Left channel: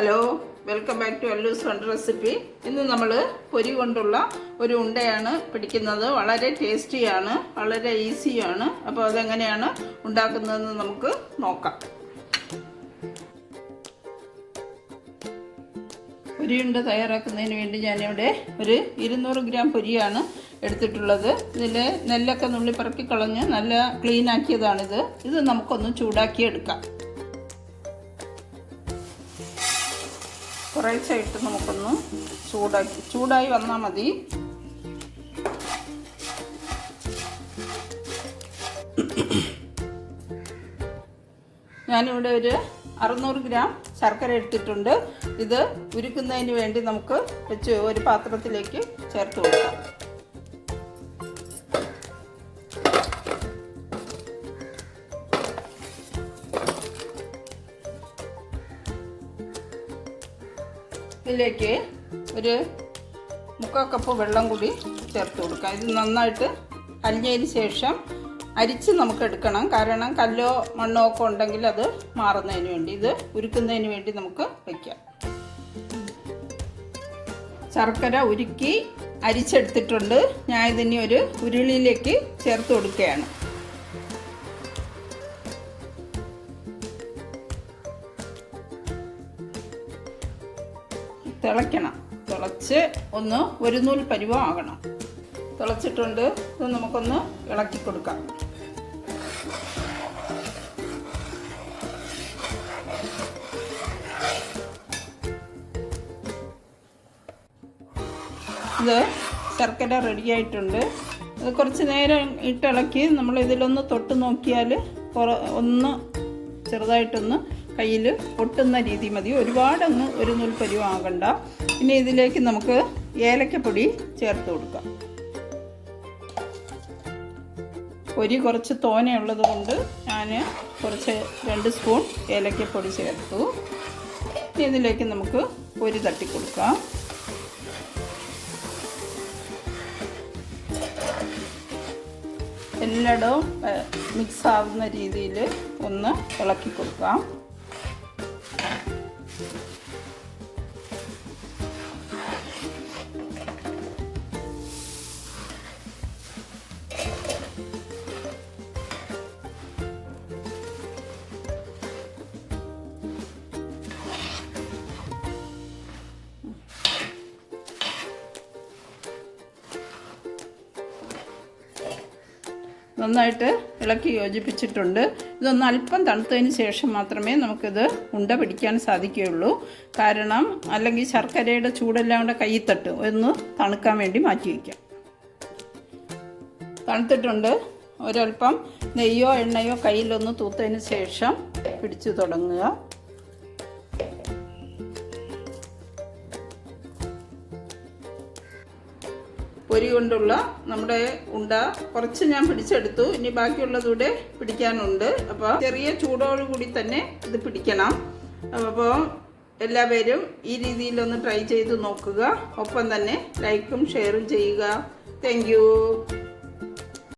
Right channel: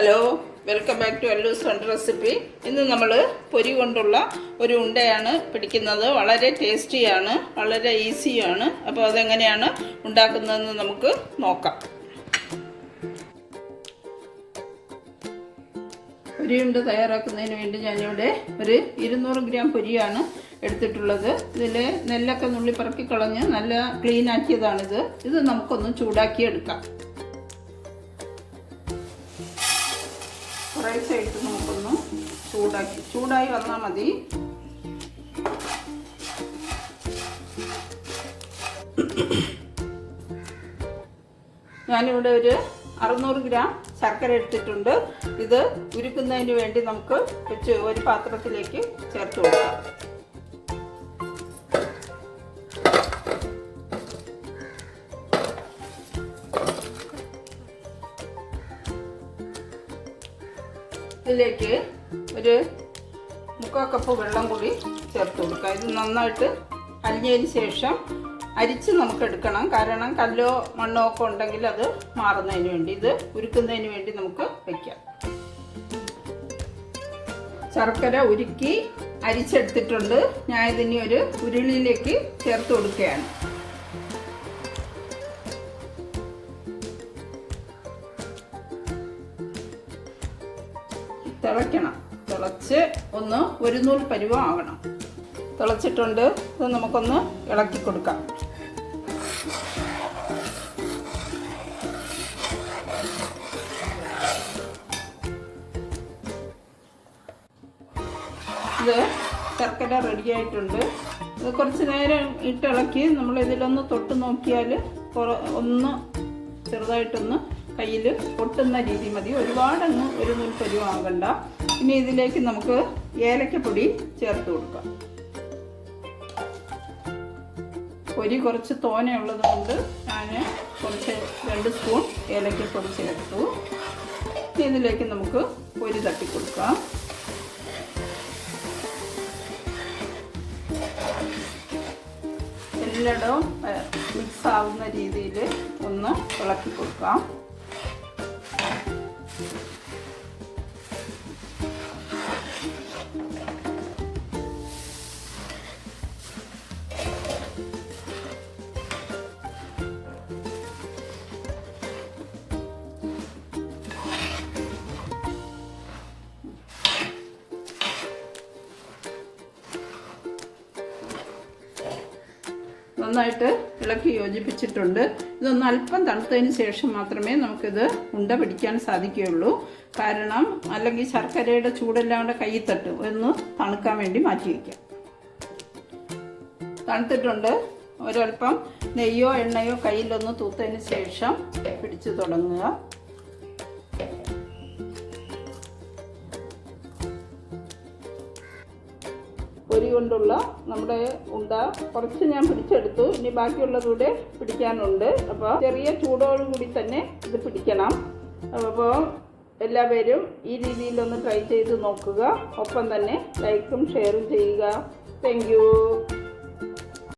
Hello welcome back to അല്ലൂസ് fund recipe ഇന്ന് നമ്മൾ പൊരി കൊണ്ടുള്ള ഒരു ഉണ്ടയാണ് പിടിക്കുന്നത്. വളരെ ടേസ്റ്റിയാണ് വളരെ ഈസിയാണ്. അപ്പോൾ അതെങ്ങനെയാണ് ഉണ്ടാക്കുന്നതെന്ന് നമുക്ക് നോക്കാം. പൊരിയുണ്ട തയ്യാറാക്കുന്നതിന് വേണ്ടി ഞാനിവിടെ ഒരു ഇരുന്നൂറ് ഗ്രാം പൊരിയാണ് എടുത്തിട്ടുള്ളത്. ഇതിൽ നെല്ലൊക്കെ നുള്ളി പറക്കി കളഞ്ഞ് നല്ല ക്ലീൻ ആക്കിയതാണിത്. ഇത് നമുക്കൊന്ന് ചൂടാക്കി എടുക്കാം കുറേശ്ശെ ഇട്ട് നോക്കുന്നു ചൂടാക്കി ചൂടായി വന്നാൽ മതി. ഞാനിവിടെ ഒരു അറുന്നൂറ് ഗ്രാം ശർക്കര എടുത്തിട്ടുണ്ട്. ഇത് ഉരുക്കുന്നതിന് വേണ്ടി നമുക്ക് വെച്ച് ഒരു പാത്രത്തിലേക്ക് ചേർത്ത് കൊടുക്കാം. ഇതിലേക്ക് ഒരു മുക്കാൽ കപ്പ് വെള്ളം കൂടി ചേർത്ത് കൊടുക്കുക. ഇത് നന്നായിട്ട് അരിഞ്ഞതിന് ശേഷം അരിച്ച് നമുക്ക് എടുക്കണം. കാരണം കല്ലോ മണ്ണോ ഒക്കെ ഉണ്ടെങ്കിൽ അത് മാറുന്നതിന് വേണ്ടി ഇത് ഉരുക്കുന്നതിന് വേണ്ടി നമുക്ക് വയ്ക്കാം ശർക്കര ഉരുക്കി അരിച്ചെടുത്തിട്ടുണ്ട്. ഞാൻ ഇതിനെ ഒരു ഉരുളിയിലേക്ക് ചേർത്ത് കൊടുക്കുകയാണ്. തിളയ്ക്കണം. തിളച്ച് ഒന്ന് ഒരു നൂൽ പരുവമാകണം തിളച്ചിട്ടുണ്ട്. ഇത് നമുക്കൊന്ന് ഇളക്കി കൊടുക്കാം. ഇത് ശർക്കര റെഡിയായിട്ടുണ്ട് ഇത് കുറച്ച് നേരം ഇട്ടിളക്കി നമ്മൾ ഇതിലൊന്ന് തൊട്ട് നോക്കിയാൽ ഒന്ന് ചെറുതായിട്ടൊന്ന് കയ്യിൽ പൊട്ടുന്ന രീതി മതി. ഒരുപാടൊന്നും ഒരു നൂൽ ആകണ്ട. പിന്നെ ഇതിലേക്ക് നമുക്ക് ഏലക്കപ്പൊടി ചേർത്ത് കൊടുക്കാം. പൊരി കുറച്ച് തോനെയുള്ളത് കൊണ്ട് ഞാൻ കുറച്ച് രണ്ട് സ്പൂൺ ഏലക്കപ്പൊടി ചേർത്തു. ഇതിലേക്ക് നമുക്ക് പൊരി തട്ടിക്കൊടുക്കാം എല്ലായിടവും മിക്സ് ആവുന്ന രീതിയിൽ ഒന്ന് ഇളക്കി കൊടുക്കാം. നന്നായിട്ട് ഇളക്കി യോജിപ്പിച്ചിട്ടുണ്ട്. ഇതൊന്ന് അല്പം തണുത്തതിന് ശേഷം മാത്രമേ നമുക്കിത് ഉണ്ട പിടിക്കാൻ സാധിക്കുകയുള്ളൂ. കാരണം അല്ലെങ്കിൽ ശർക്കരയുടെ ചൂടെല്ലാം കൂടെ കയ്യിൽ തട്ടും ഒന്ന് തണുക്കാൻ വേണ്ടി മാറ്റി തണുത്തിട്ടുണ്ട്. ഒരൽപ്പം നെയ്യോ എണ്ണയോ കയ്യിലൊന്ന് തൂത്തതിന് ശേഷം പിടിച്ചു തുടങ്ങുക. പൊരി കൊണ്ടുള്ള നമ്മുടെ ഉണ്ട കുറച്ച് ഞാൻ പിടിച്ചെടുത്തു. ഇനി ബാക്കിയുള്ളതൂടെ പിടിക്കാനുണ്ട്. അപ്പോൾ ചെറിയ ചൂടോടുകൂടി തന്നെ ഇത് പിടിക്കണം. അപ്പോൾ എല്ലാവരും ഈ രീതിയിലൊന്ന് ട്രൈ ചെയ്ത് നോക്കുക. ഒപ്പം തന്നെ ലൈക്കും ഷെയറും ചെയ്യുക. താങ്ക്